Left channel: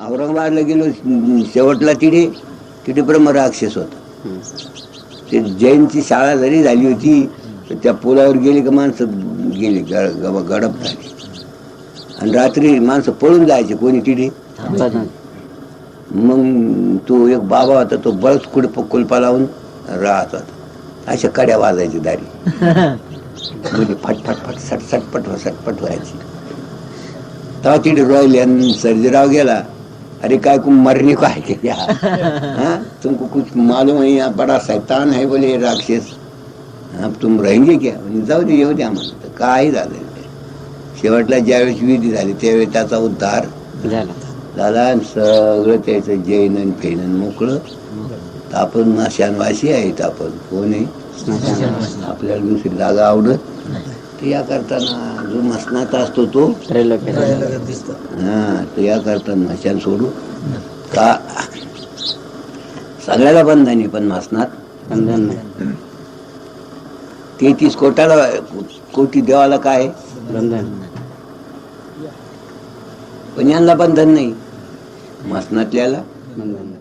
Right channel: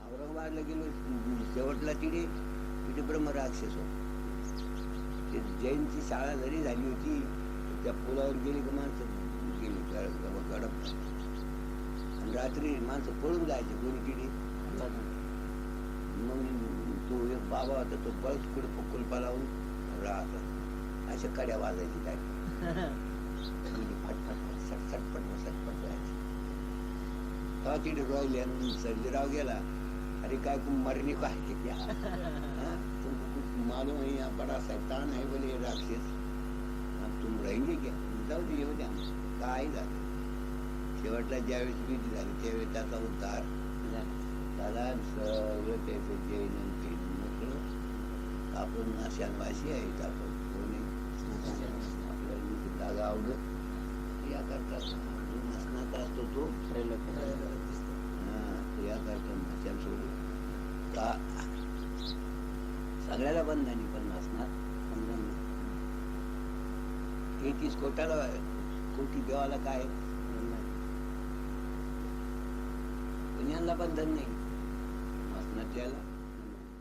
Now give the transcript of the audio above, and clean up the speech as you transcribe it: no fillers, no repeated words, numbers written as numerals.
औरंगाबादला गेलो, शेवटला तिथे तिथे ब्रह्मराक्षस होता. ते जैनची शाळा जरी झाली होती तर त्या पुलावर गेली का माणसं गेली गडप झाली. आणि रात्री माणसं पळून जायचे, कोणी तिथे. मग तो एक बाबा होता, तो बळच कुलपा लावून राहत होता. अशा कड्या वाजायची दारी म्हणजे फटफट फट सटपट सटपट व्हायची. तेव्हा तिथे रोयले आणि सर्जीराव गेला. अरे काय कुम मरने को है क्या? हाँ, तुमको कुछ मालूम है? यहाँ बड़ा शैतान है बोले राक्षस, अब तुम रहेंगे क्या? जाऊ दे, येऊ द्या म्हणलं. काही झालं. शेवटला ज्यावेळेस विधी झाली त्यावेळी त्याचा उद्धार झाला आणि सगळं त्याचं जैन फेनन मोकळं. आपण माशानवाशी आहेत, आपण कोण आहे? आपल्याला दुसरी जागा आवडत ते या करताना जो मसनात असतो तो हा, तो या करताना मशान सोडू का? सगळ्याला बंधन आहे, पण मसनात बंधन नाही. 33 कोटी देवाला काय बंधन, पण यांना बंधन नाही, मसनातल्याला बंधन.